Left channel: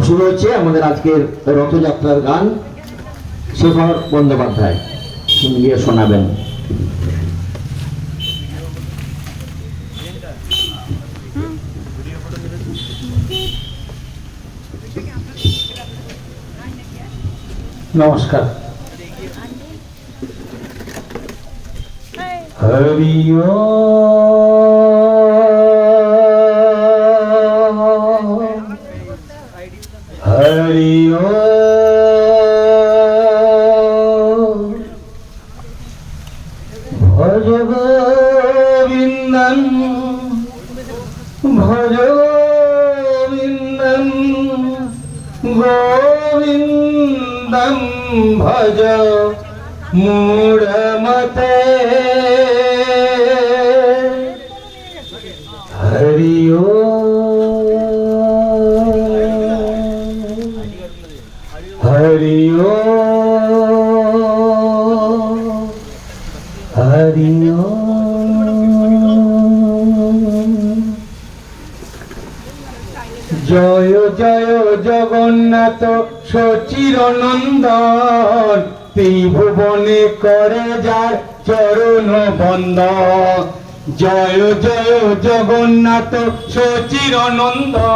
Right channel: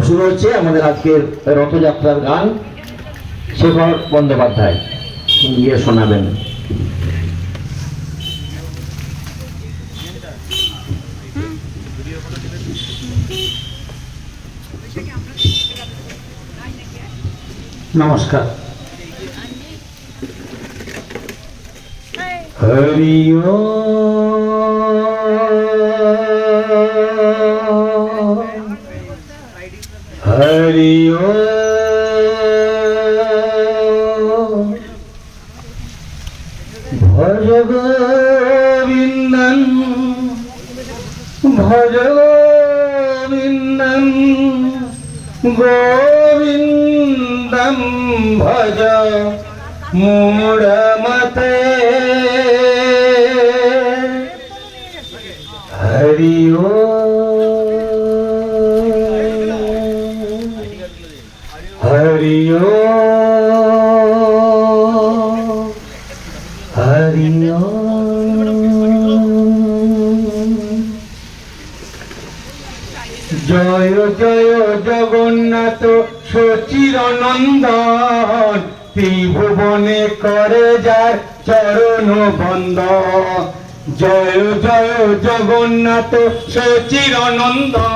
শুরু হচ্ছে আমাদের আজকের রথযাত্রার গান। শেখর বন্দ্যোপাধ্যায় গিয়ে শোনাবেন। নমস্কার। হরি হরি ভজ গোবিন্দং ভজ গোবিন্দং গোবিন্দং ভজ মূঢ়মতে হরি হরি হরি জয় জয় জগন্নাথ সচিরনন্দন ত্রিভুবনে করে যায় চরণ বন্দন। জয় জয় জগন্নাথ সচিরনন্দন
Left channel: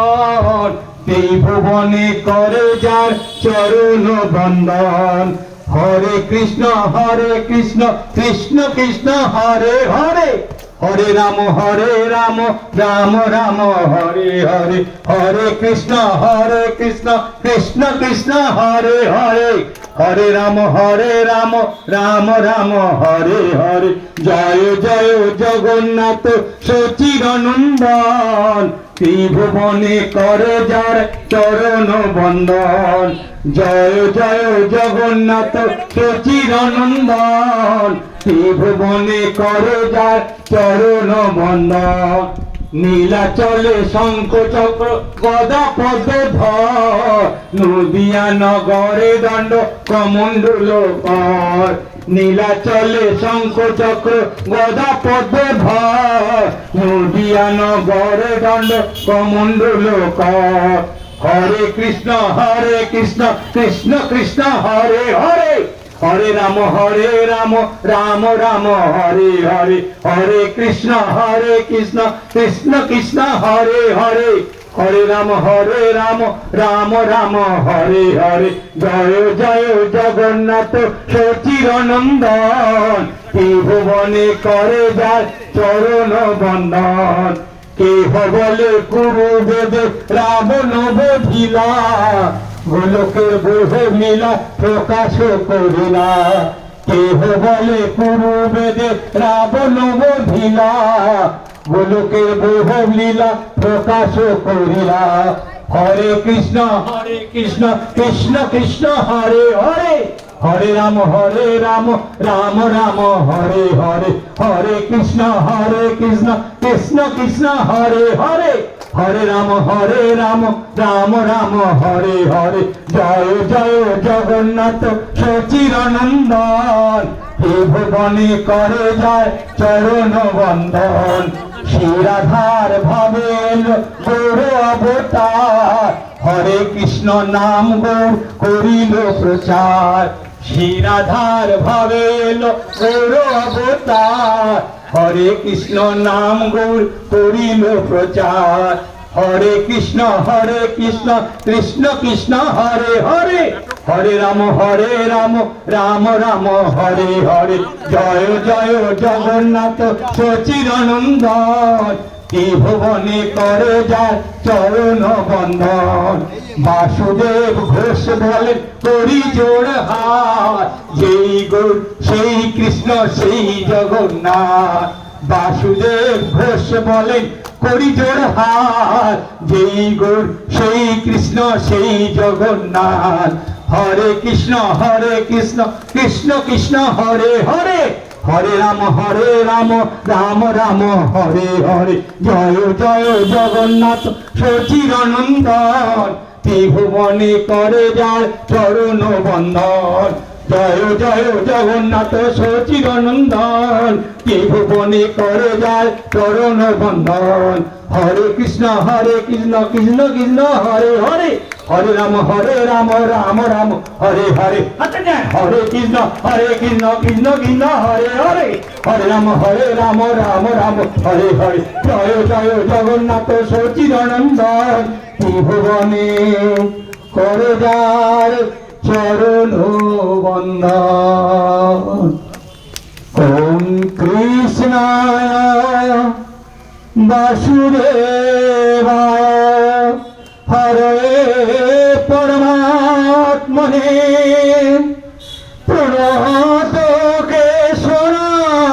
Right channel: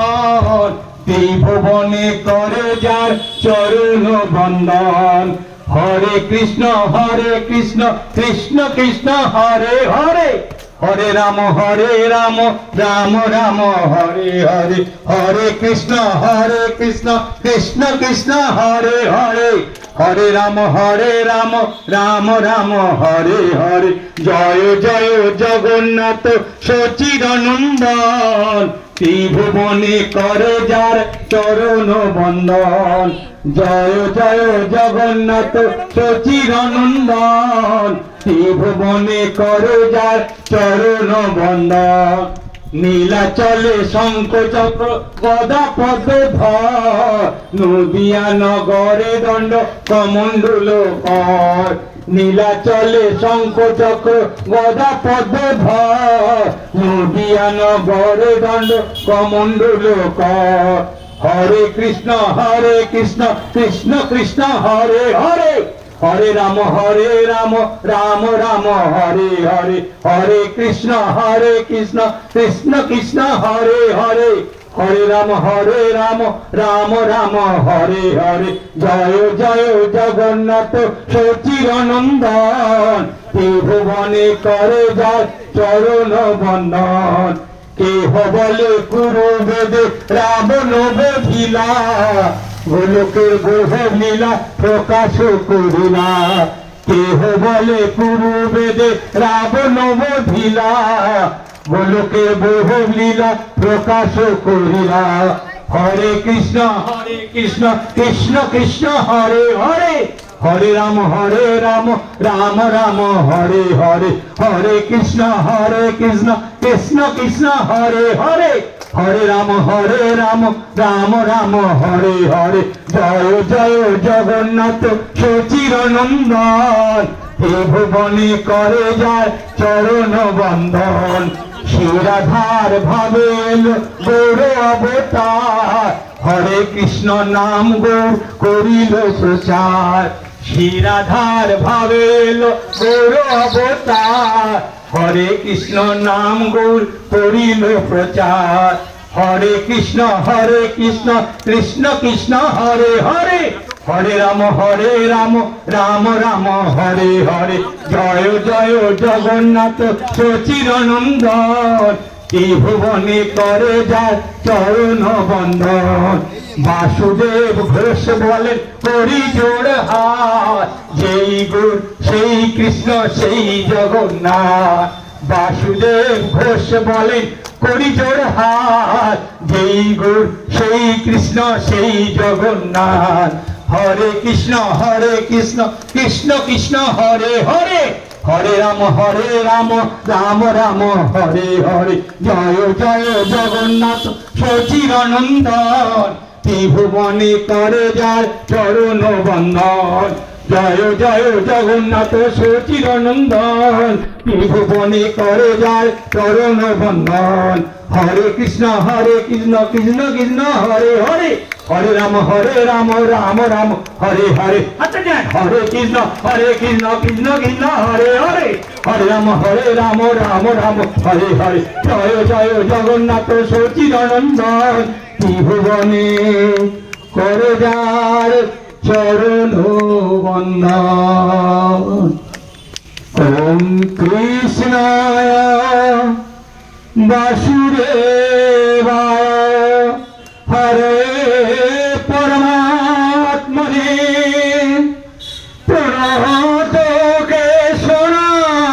ত্রিভুবনে করে যার চরণ বন্দন। হরে কৃষ্ণ কৃষ্ণ কৃষ্ণ হরে হরে, হরে রাম রাম রাম হরে হরে, হরে কৃষ্ণ কৃষ্ণ কৃষ্ণ হরে হরে, হরে রাম রাম রাম হরে হরে। জয় জয় জগন্নাথ সচিরনন্দন ত্রিভুবনে করে যার চরণ বন্দন। জয় জয় জগন্নাথ সচিরনন্দন ত্রিভুবনে করে যার চরণ বন্দন। নীলাচলে শঙ্খ চক্র গদা পদ্মে ধর, নদিয়া নগরে দণ্ড কমণ্ডল কর। নীলাচলে শঙ্খ চক্র গদা পদ্মে ধর, নদিয়া নগরে দণ্ড কমণ্ডল কর। হরে কৃষ্ণ কৃষ্ণ কৃষ্ণ হরে হরে, হরে রাম রাম রাম হরে হরে, হরে কৃষ্ণ কৃষ্ণ কৃষ্ণ হরে হরে, হরে রাম রাম রাম হরে হরে। জয় জয় জগন্নাথ সচিরনন্দন ত্রিভুবনে করে যায় চরণ বন্দন। কেহ বলে পুরু বেদে রাবণ বধিলা, গোলকের বহু লীলা প্রকাশ করিলা। কেহ বলে পুরু বেদে রাবণ বধিলা, গোলকের বহু লীলা প্রকাশ করিলা। হরে কৃষ্ণ কৃষ্ণ কৃষ্ণ হরে হরে, হরে রাম রাম রাম হরে হরে, হরে কৃষ্ণ কৃষ্ণ হরে হরে, হরে রাম রাম রাম হরে হরে। জয় জয় জগন্নাথ সচিরনন্দন ত্রিভুবনে করে যায় চরণ বন্দন। শিরাধার ভাবে গৌর অবতার, হরে কৃষ্ণ নাম গৌর করিল প্রচার। শিরাধার ভাবে গৌর অবতার, হরে কৃষ্ণ নাম গৌর করিল প্রচার। হরে কৃষ্ণ কৃষ্ণ কৃষ্ণ হরে হরে, হরে রাম রাম রাম হরে হরে। জয় জয় জগন্নাথ সচিরনন্দন ত্রিভুবনে করে যায় চরণ বন্দন। বাসুদেব ঘোষ বলেন করি জোড় হাত, যেই গুর সেই কৃষ্ণ সেই জগন্নাথ। বাসুদেব ঘোষ বলেন করি জোড় হাত, যেই গুর সেই কৃষ্ণ সেই জগন্নাথ। হরে কৃষ্ণ কৃষ্ণ কৃষ্ণ হরে হরে, হরে রাম রাম রাম হরে হরে। জয় জয় জগন্নাথ সচিরনন্দন ত্রিভুবনে করে যায় চরণ বন্দন। জয় জয় জগন্নাথ সচিরনন্দন ত্রিভুবনে করে যায় চরণ বন্দন। হরে কৃষ্ণ কৃষ্ণ কৃষ্ণ হরে হরে, হরে রাম রাম রাম হরে হরে হরে কৃষ্ণ কৃষ্ণ কৃষ্ণ হরে হরে হরে রাম রাম রাম হরে হরে জয় জয় জগন্নাথ সচিদানন্দন ত্রিভুবনে করে যার চরণ বন্দন ওম কৃষ্ণায় বাসুদেবায় হরে পরমাত্মনে প্রণত কেশনাশায়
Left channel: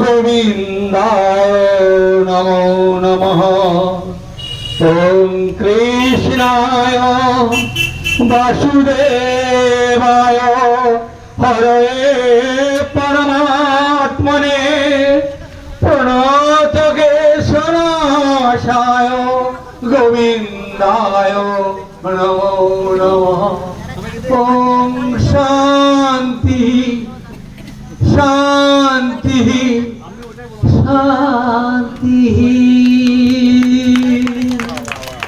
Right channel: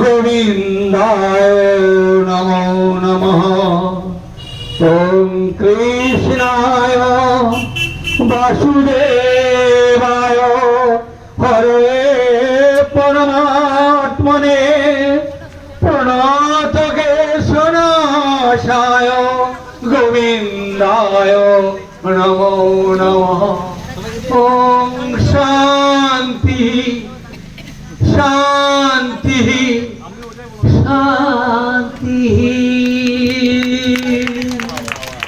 গোবিন্দায় নমো নমঃ ওম কৃষ্ণায় বাসুদেবায় হরে পরমাত্মনে প্রণত কেশনাশায় গোবিন্দায় নমো নমঃ ওম শান্তি শান্তি শান্তি